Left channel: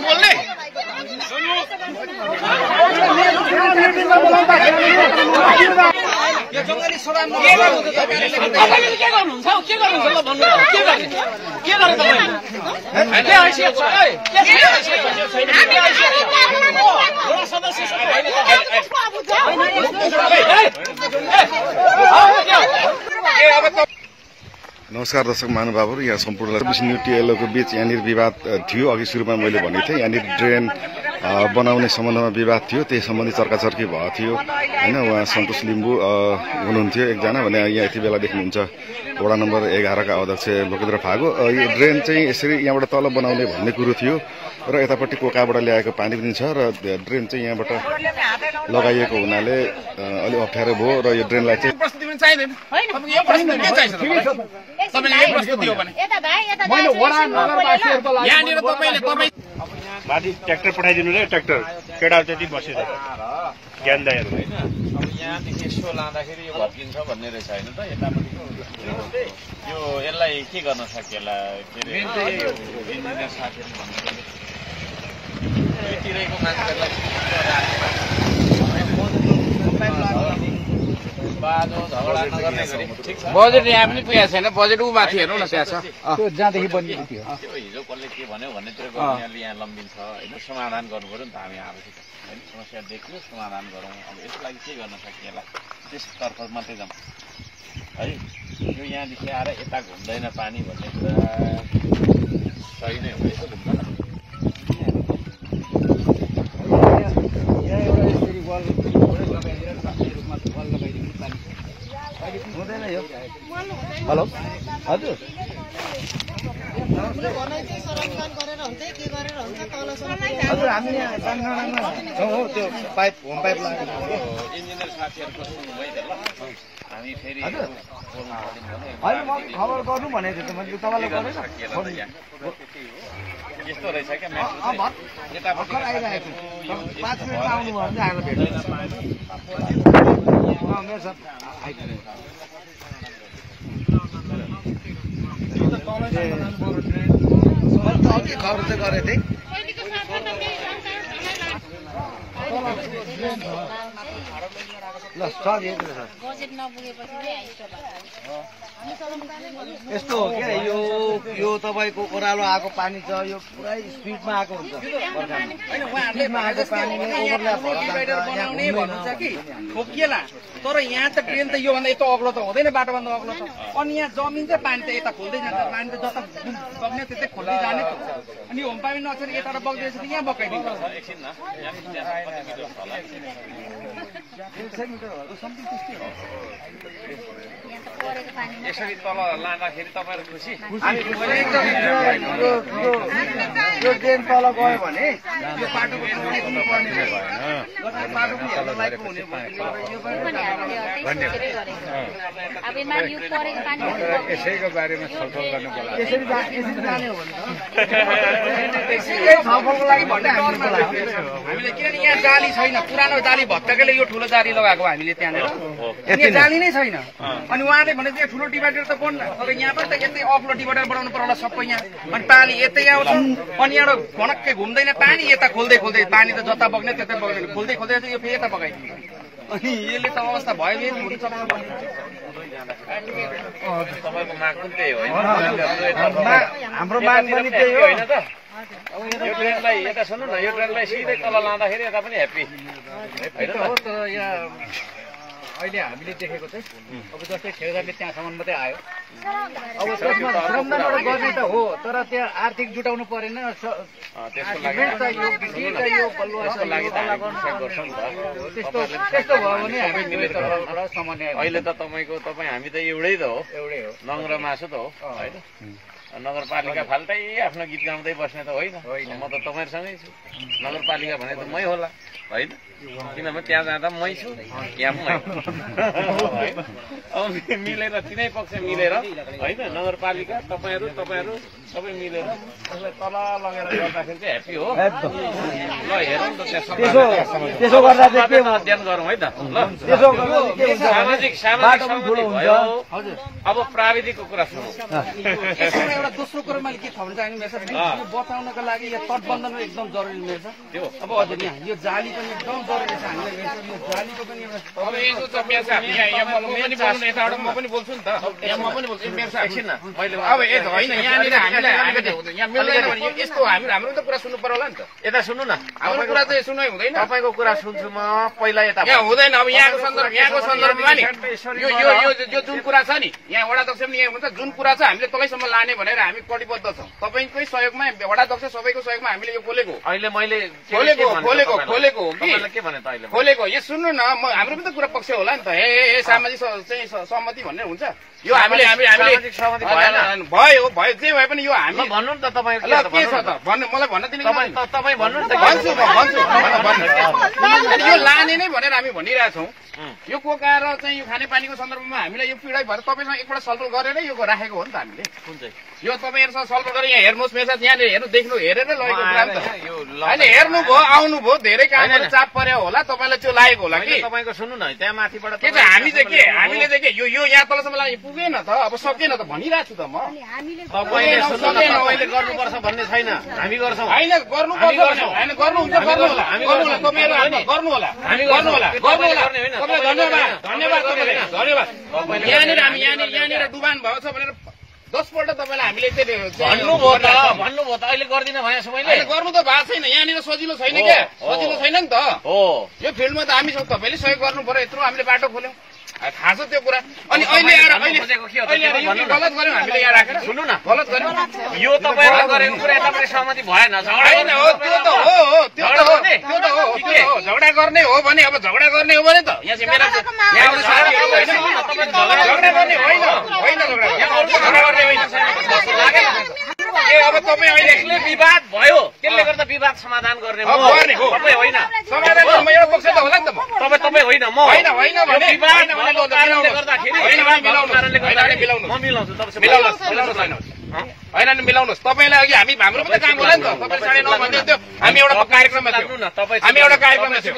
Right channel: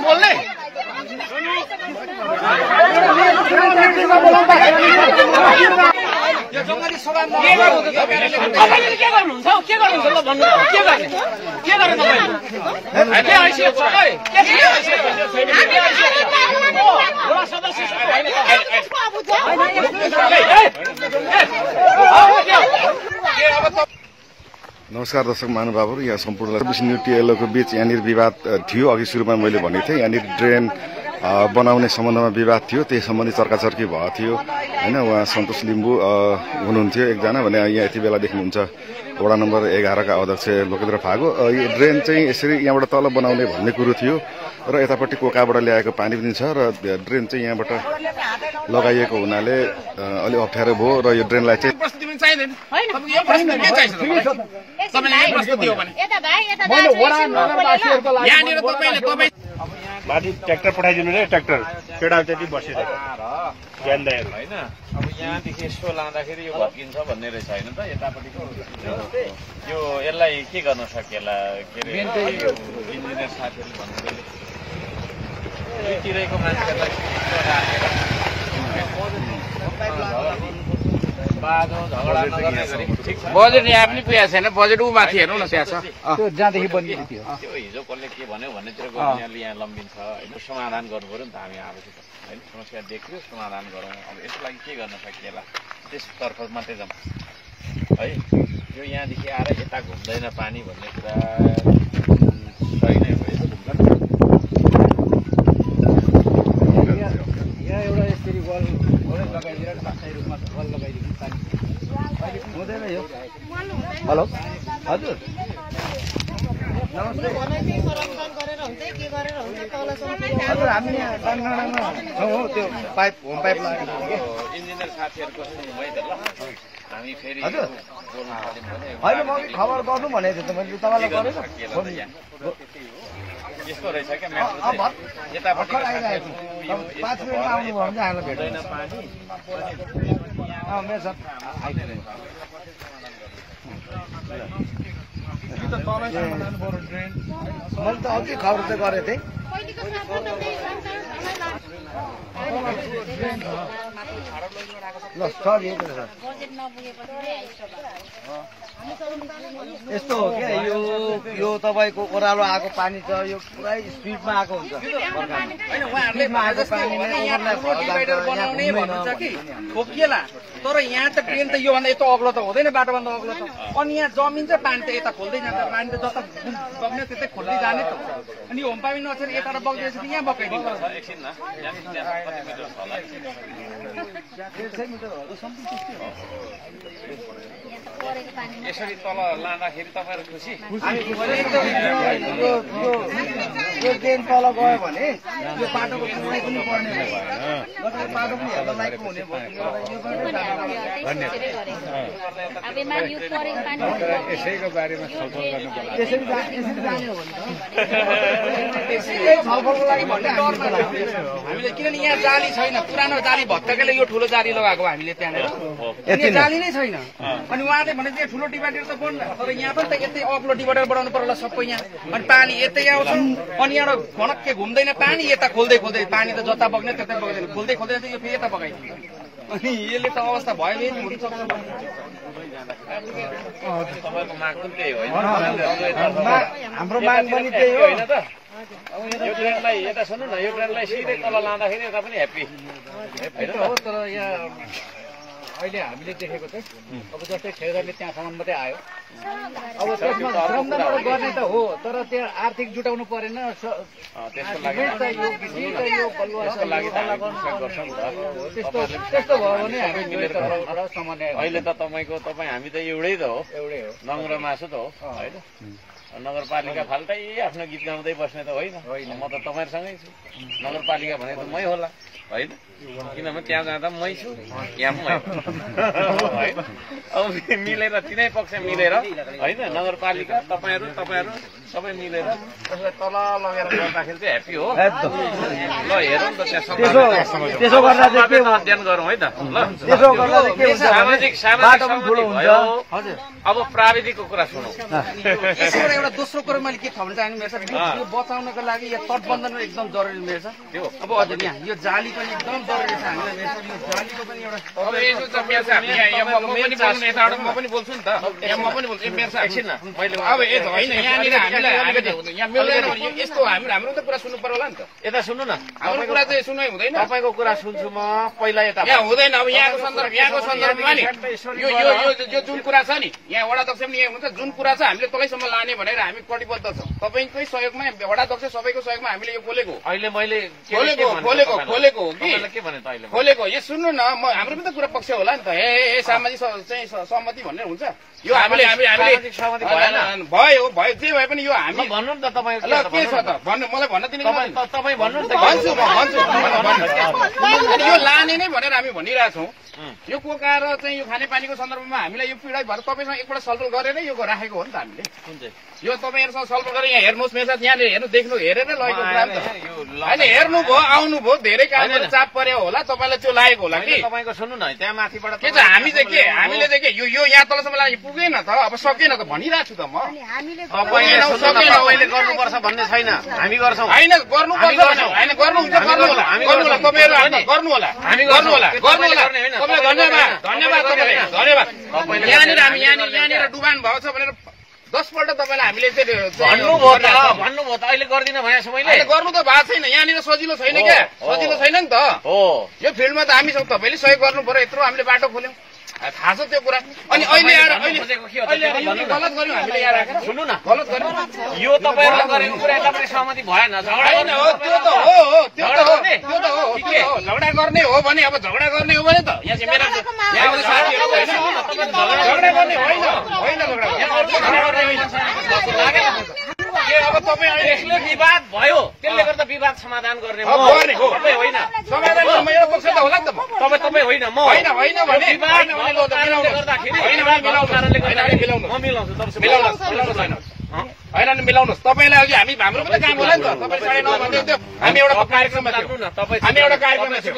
बोल्ने यो जङ्गली सभामा के गर्नुहुन्छ के गर्नुहुन्छ ल भन्नु के गर्ने के गर्ने तपाईले के हैसियत छ के हैसियत छ सदस्य नमस्कार दर्शक महानुभावहरू, यहाँ सम्पूर्ण न्युट्रिएलको बीच यहाँनिर विवाद थियो। अघि सुरुमा मैले भनेको थिएँ यहाँनिर ड्रेन बनाउने सम्बन्धमा विवाद थियो, त्यही सम्बन्धी चर्काचर्की भएको थियो हैन। उहाँ सन्तोष लिम्बू हुनुहुन्थ्यो एकजना भने यहाँ यति बेला देख्नुहुन्छ वडा नम्बर 11 का अध्यक्ष लोकेन्द्र फागो। यो ड्रेन चाहिँ यसरी यहाँबाट तल बनाउने भन्ने कुरो थियो र यतापट्टि कोकाबाट ल्याएको पानी पनि छ र ड्रेन चाहिँ यहाँबाट लगाइएको हुनाले अलि अप्ठ्यारो भयो र यो ड्रेनलाई चाहिँ माथि ट्र्याक्टर पठाइदिनु रे, ट्र्याक्टर केटा जति बसिरहेको ज्ञानदायहरू होइन। अब यहाँदेखि यसो लाँदाखेरि यो भत्किन्छ भन्ने रहेछ होइन त यतापट्टिको यो यसलाई के गर्न सकिएला के अरे इन्जिनियर साथीहरू भन्नुतिरेको मान्छेलाई बाजो झगडा नगर्ने गरी ठिक छ। बजेट यहाँ पनि पुगेको छैन, बजेट ऊ माथि हेर्नु न त्यहाँ छ जहाँदेखि बनिएको थियो। त्यो हिजो कसले के भन्यो भन्नेतिर यहाँले यहाँ लम्बिन्छ होइन। समाधान गर्नु पर्यो नि त हामी आएपछि त होइन। समस्या देख्यो समाधान गरौँ। अब यसको लागि के गर्न सकिएला त्यसतर्फ मात्रै जाउँ है। यो यहाँदेखि आएर यता घुम्दैन पानी भन्ने कुरा सही नै हो। यसो घुम्दैन हेलो हजुर त्यो पाइप होम पाइप इन्जिनियर साथीहरूको सुन्नुभयो त ल। हामी फेरि खबर गर्नु भनेको थिएँ त मैले तपाईँलाई यस्तो रहेछ क्या म्याटर चाहिँ यतापट्टिको साथीहरू यो अघि खबर चाहिँ गरेको थिएँ। यस्तो हो क्या यो तपाईँको ओह्रालो आएको पानी छ, यो पुरै स्पिडमा आएको हुन्छ। बनाउने भन्नु छ कि ठोकिएला, तर यहाँ त ट्रेन त योभन्दा यस्तो अग्लो त हुँदैन, बाटोभन्दा अग्लो त। अनि यहाँ जमिन चाहिँ पानी त यता खोल्दै जान्छ, पानी त जता बग्ने त्यतै खोल्दै जाने त। अनि होम पानी नछेर यता बग्दैछ कि यहाँ बगाइदिन्छ एकछिन न यहाँदेखि त्यहाँ कति मिटर छ होला यसरी तल लाँदाखेरि तपाईँहरू खुसी? यो ट्रेन तल गयो भने यो बाटोको पर्ने यसैको बारेमा छलफल गर्नु यसरी जाने हो भने हामीले किनभने यहाँ जाली छैन, पुरानो जाली भत्काकैले यो ठुलो जाली लगाएको हामीले त्यहाँनिर। यहाँ जाली नै छैन। अनि उहाँले भने चाहिँ ठुलो डिभाइडर त बन्द, तर यहाँ पनि त यतै अग्लो डिभाइडर बनाउनु पर्ला सबै यहाँ। अनि पानी यतै आउँछ, अनि यहाँ भनक्कै घुम्दैन पानी, यता खोल्दै खोल्दै पानी त जता बग्ने त्यतै बग्दैन, खोल्दै खोल्दै यो फेरि यता बगाइदियो। अनि यसले त अवस्था भयो नि तपाईँको माग पनि त्यही हो हाम्रो माग पनि त्यही हो होइन त। यो ट्रेनलाई यता सुन्नु न, यो ट्रेनलाई सिधै तल लाँदाखेरि यता पनि ह्याप्पी होइन हो। तर यहाँ अहिले हामीले देखेको चाहिँ अब जस्तै ठेकेदारले त्यहाँसम्म मात्रै आयो। अब त्यसमा श्रमदानबाट गर्ने त हो, तर त्यहाँ आर्थिक जुटाउनु परेन। त्यस्तो भयो भने हामी अहिले त तपाईँ हामी त एउटै त हो, एउटै हो। नङ्ग्रो मासु त हो होइन। नगरपालिका फाल्टै आफ्नो गीत गाउँदै बस्ने त होइन। म त तपाईँहरूसँगै छु। नगरपालिका भने त मै होला होइन किनभने त्यहाँ जाँदा मै छु यहाँ पनि होइन अब मिलेर तिनै पक्ष मिलेर होइन नगरपालिका तपाईँहरू सबै मिलेर उसलाई तल लगेर गर्दाखेरि चाहिँ ह्याप्पी हो ल हेरौँ न त त्यहाँ त्यसो गर्दा चाहिँ के अध्ययन गरौँ है त ल त्यसो गर्दा चाहिँ के हुन्छ सामाजिक भयो अब प्राविधिकको कुरा सुनौ एउटा दोस्रो कुरो मैले के थप्न चाहन्छु मेरो साथ यो बचाउनको लागि यहाँ तटबन्धन एकदम जरुरी रहेछ अब हजुर यहाँ यो जाली पनि एकदम जरुरी छ हामीलाई यो जालीको पनि एउटा म पनि बोल्छु नि त म पनि बोल्छु मेरो साथ एकछिन अब होइन यहाँनिर हामीलाई यहाँ मिल्दैन भने यस्तो हाम्रो त कुरा सुन्नु पर्यो होला नि त यता सुन्नु न हाम्रो कुरा चाहिँ सुनै हुँदैन तपाईँको कुरा सुन्छु म पहिला यता यहाँ हुँदैन अब यहाँको सन्दर्भमा नि यो जुन कुरा छ नि यहाँ वडा अध्यक्ष पनि यहाँ हुन्छ जुन कुरा छ हामीले तलैसम्म लाने भनेर हामी कटिबद्ध छौँ तपाईँकै सहयोगमा वडा अध्यक्ष सबैको सहयोगमा हामीले यो खोलेको अहिले मैले खोलेको हो कि के भने त अहिले खोलेको यो सुन्नु न हाम्रो पनि त कुरा पक्ष होला नि त ए सामाजिक चाहिँ सहमति भन्ने हुन्छ यो हामीले भयो जे भए पनि यो हामी भन्नु नि त तपाईँ के छ त भन्नु मलाई भन्न दिनु तपाईँ भन्नु नि त भन्छु यो लाने नै भनेर हामी भनिरहेछौँ यो कोकाएर चाहिँ यो खानेपानीको सन्दर्भमा हामीलाई यो पीडा भएर तपाईँसँग एकपल्ट छलफल गरेरै यो राखेको हो नि त हामीले कुन चाहिँ यो तपाईँहरूसँग छलफल गरेर यहाँ हेर्नुहोस् मेरो साथ यहाँनिर हेर्नु देख्नु हेरेर लगेको कुरा नि त अहिले हेर्नुभयो आउनुभयो धेरै कामहरू चाप पर्यो होला तपाईँलाई त्यो लागेको होला कि तपाईँको सुन्नु न त्यहाँ माथिबाट के चाहिँ हामी चाहिँ के हामीले चाहिँ के यो यहाँ तलसम्म लागि पुगेन त अब सकेन त भनिरहेको छु त म तपाईँले गर्नुपर्छ भन्ने छैन हामी गर्छौँ होइन गर्नुपर्छ होइन गर्नुहुन्छ गर्नु होला तपाईँहरू गर्नु होला धन्यवाद यहाँनिर डुबान भएको छ भनेर 10 पल्ट तपाईँलाई हामीले भन्नुभयो त अहिले गर्दिन भनेको छु मैले गर्नु त भएको छैन यहाँनिर सजिलो छैन क्या सजिलो छैन नि त यो फिल्डमा त हामी तपाईँले सहयोग गर्नु पर्यो यत्रो हामीले बाटो खोल्यौँ थाहा छ त्यो कुरा अनि अहिले गलत गर्यौँ हामीले यहाँ राखेर सुन्नु न गलत गर्यौँ यो तपाईँहरूले गरेको कुरा यतापट्टि सहमति भएन झगडा गर्ने हो भने अब झगडा गर्ने हो भने त यहाँ चाहिँ मेरा यहाँको साथीहरू अब तपाईँ अहिले विवाद भयो त्यसले गर्दा विवाद समाधान गर्ने तपाईँ होइन समाधान एउटा पक्ष त होला नि त तपाईँ होइन म होइन भने विवाद कारणले गर्दाखेरि म मिलाउँछु होइन मिलाउनुहोस् तपाईँलाई अघि हाम्रो पनि काम होला नि त तपाईँ 9:30 भन्दै थियो हामी एउटा कार्यक्रममा थियौँ न हामी एउटा कार्यक्रममा थियौँ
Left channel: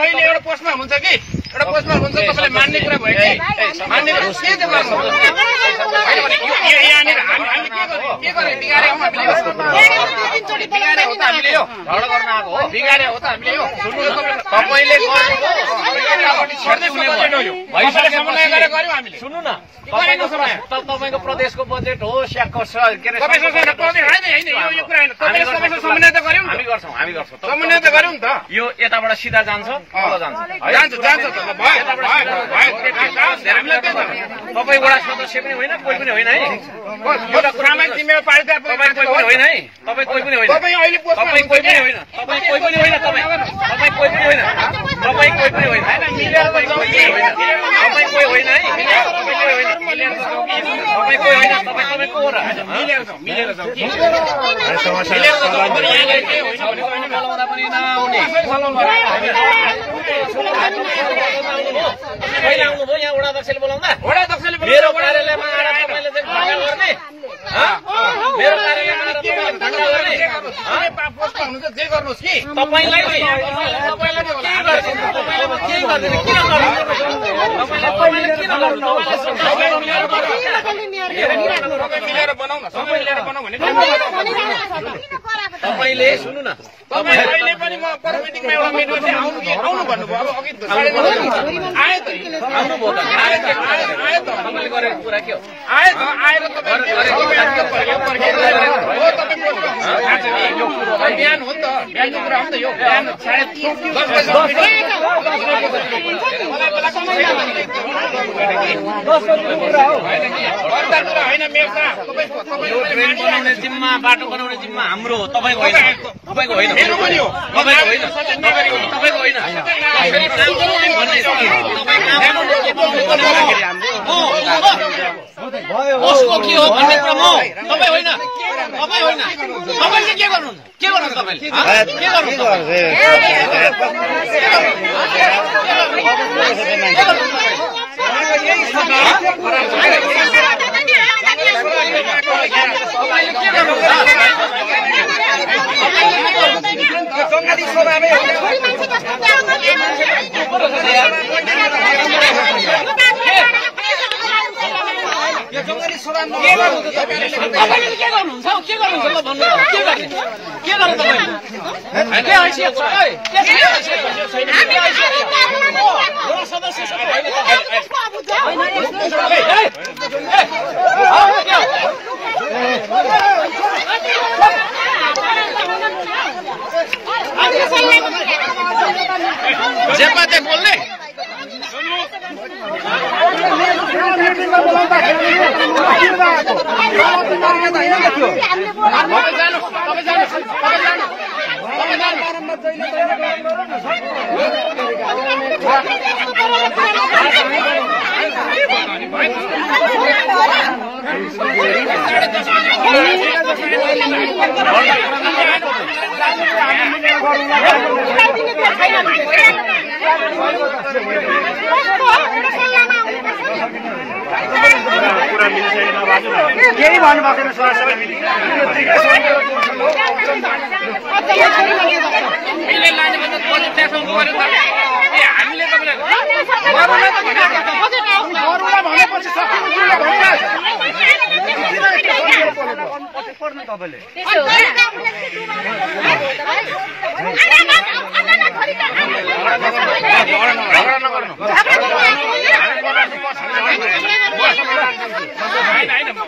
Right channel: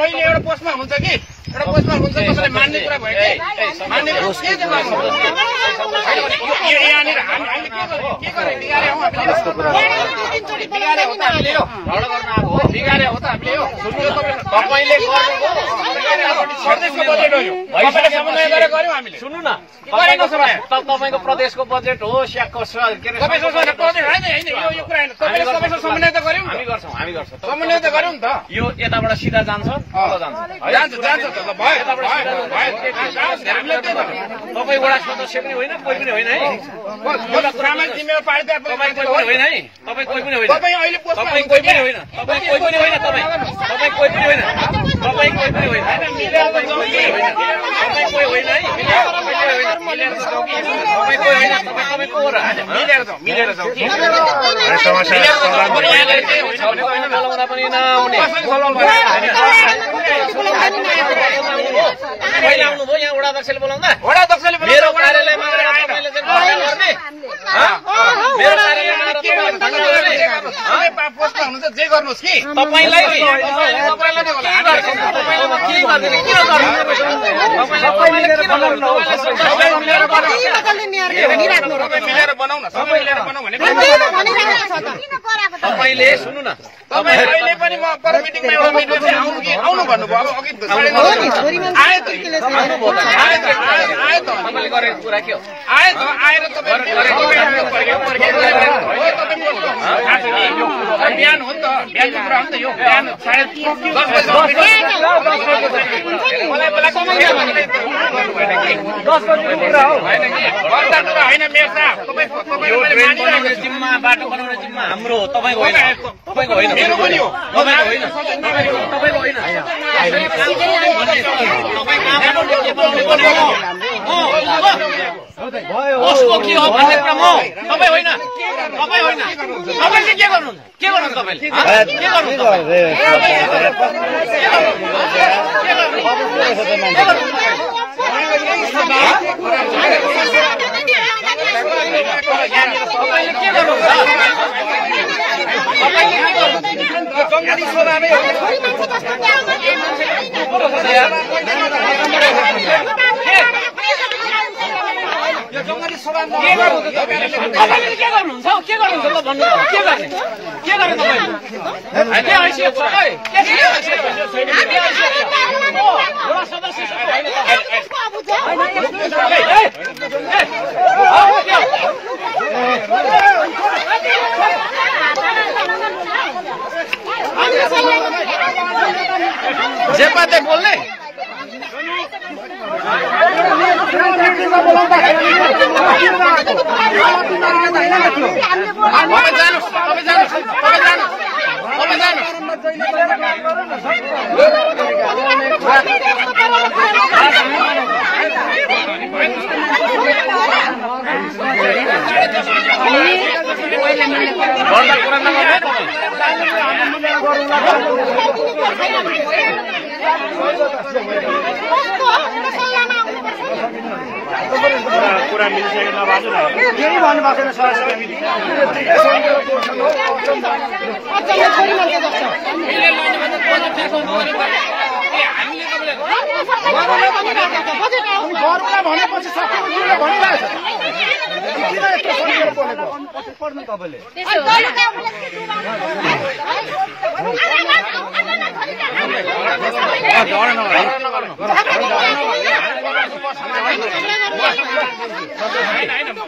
अहिले एउटा पोस्टमा हुन्छ कि एउटा पोस्टमा हुन्छ तपाईँले मान्ने कुरा भयो कि मान्ने के यहाँनिर हामीले के गरे बिगारे हो त हामीले यो झगडा गर्न आएको हो बिगारे हो त हामीले यो तपाईँले गर्नुभयो सुन्नु न तपाईँको प्रदेशको बजेट हो स्याकको के हामी गर्छौँ समन्वय त गर्यौँ नि त यो यताबाट सिधा जान्छ तपाईँ वडा सदस्य पनि होइन कोही पनि होइन है सामाजिक जिम्मेवार पालिका होइन है तपाईँ कोही पनि होइन तपाईँ अहिले कोही पनि होइन तपाईँ कोही पनि होइन तपाईँ कोही पनि होइन तपाईँ कोही पनि होइन मिलेर तपाईँ कोही होइन है मिलेर तपाईँ को हो र मिलेर जाउँ बोलाउँदा पनि नआउने कहिले आउनुभयो यहाँ वडा अध्यक्षले बोलाउँदा मेरो कार्यालयमा तपाईँले चाहिँ भण्डा गर्ने मेरो कार्यालयमा पोस्टमा हुनुहुन्छ जे गर्नुहोस् कि तपाईँलाई के गर्दैन किन गर्नु तपाईँले किन गर्नु मिलेर बनाउन सबै मिलेर बनाऊ भने तपाईँले सुन्नु न तपाईँ अहिले पनि म पर मिटिङमा एउटा मिटिङ आउनु भन्नुभयो अब अघि आयो त आउनुभयो त आयो त तपाईँले गरेको कुरा के हो आयो त आएर बिहान हो नि त बिहानको कुरा हो नि त यो बिहान सायद 10 बजे मलाई बोलाएको कुरा हो होइन मेरो साहब तपाईँले जिम्मा बाटो बनाउने जिम्मा हाम्रो हो तपाईँको होइन मेरो पनि हो तपाईँको होइन कसको के हो भन्ने कुरा म तपाईँ होइन तपाईँले के गर्नुहुन्छ तपाईँले के बोल्ने केही भन्नुभएको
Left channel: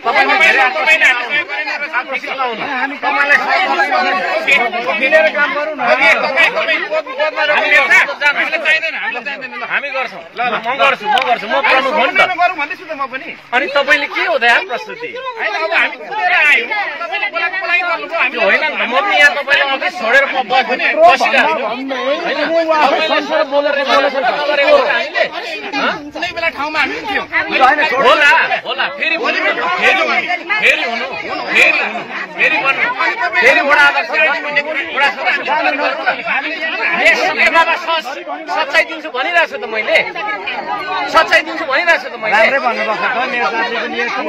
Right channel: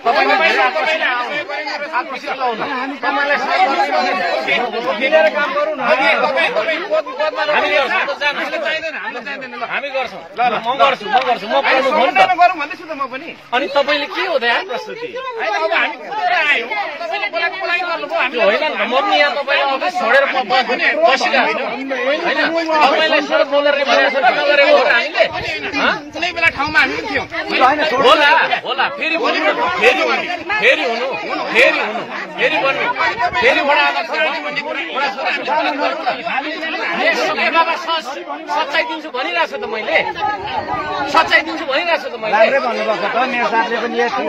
तपाईले धेरै आकर्षित नहुनु तपाईलाई मिलेर काम गरौँ न हामी गर्छौँ ल म गर्छु म प्रमुख हो नि त अनि तपाईले के हो यहाँ प्रस्तुति होइन नि त म पनि यहाँ तपाईँले अफिस छोडेर बसिरहेको गरेको हो हामीले कुनै बेला ठाउँमा हामी पनि थियौँ होला फेरि वडा अध्यक्ष वडा सदस्य गर्नु न सकेबाबा सच्चाइ दिन्छु भनिरहेको छु त मैले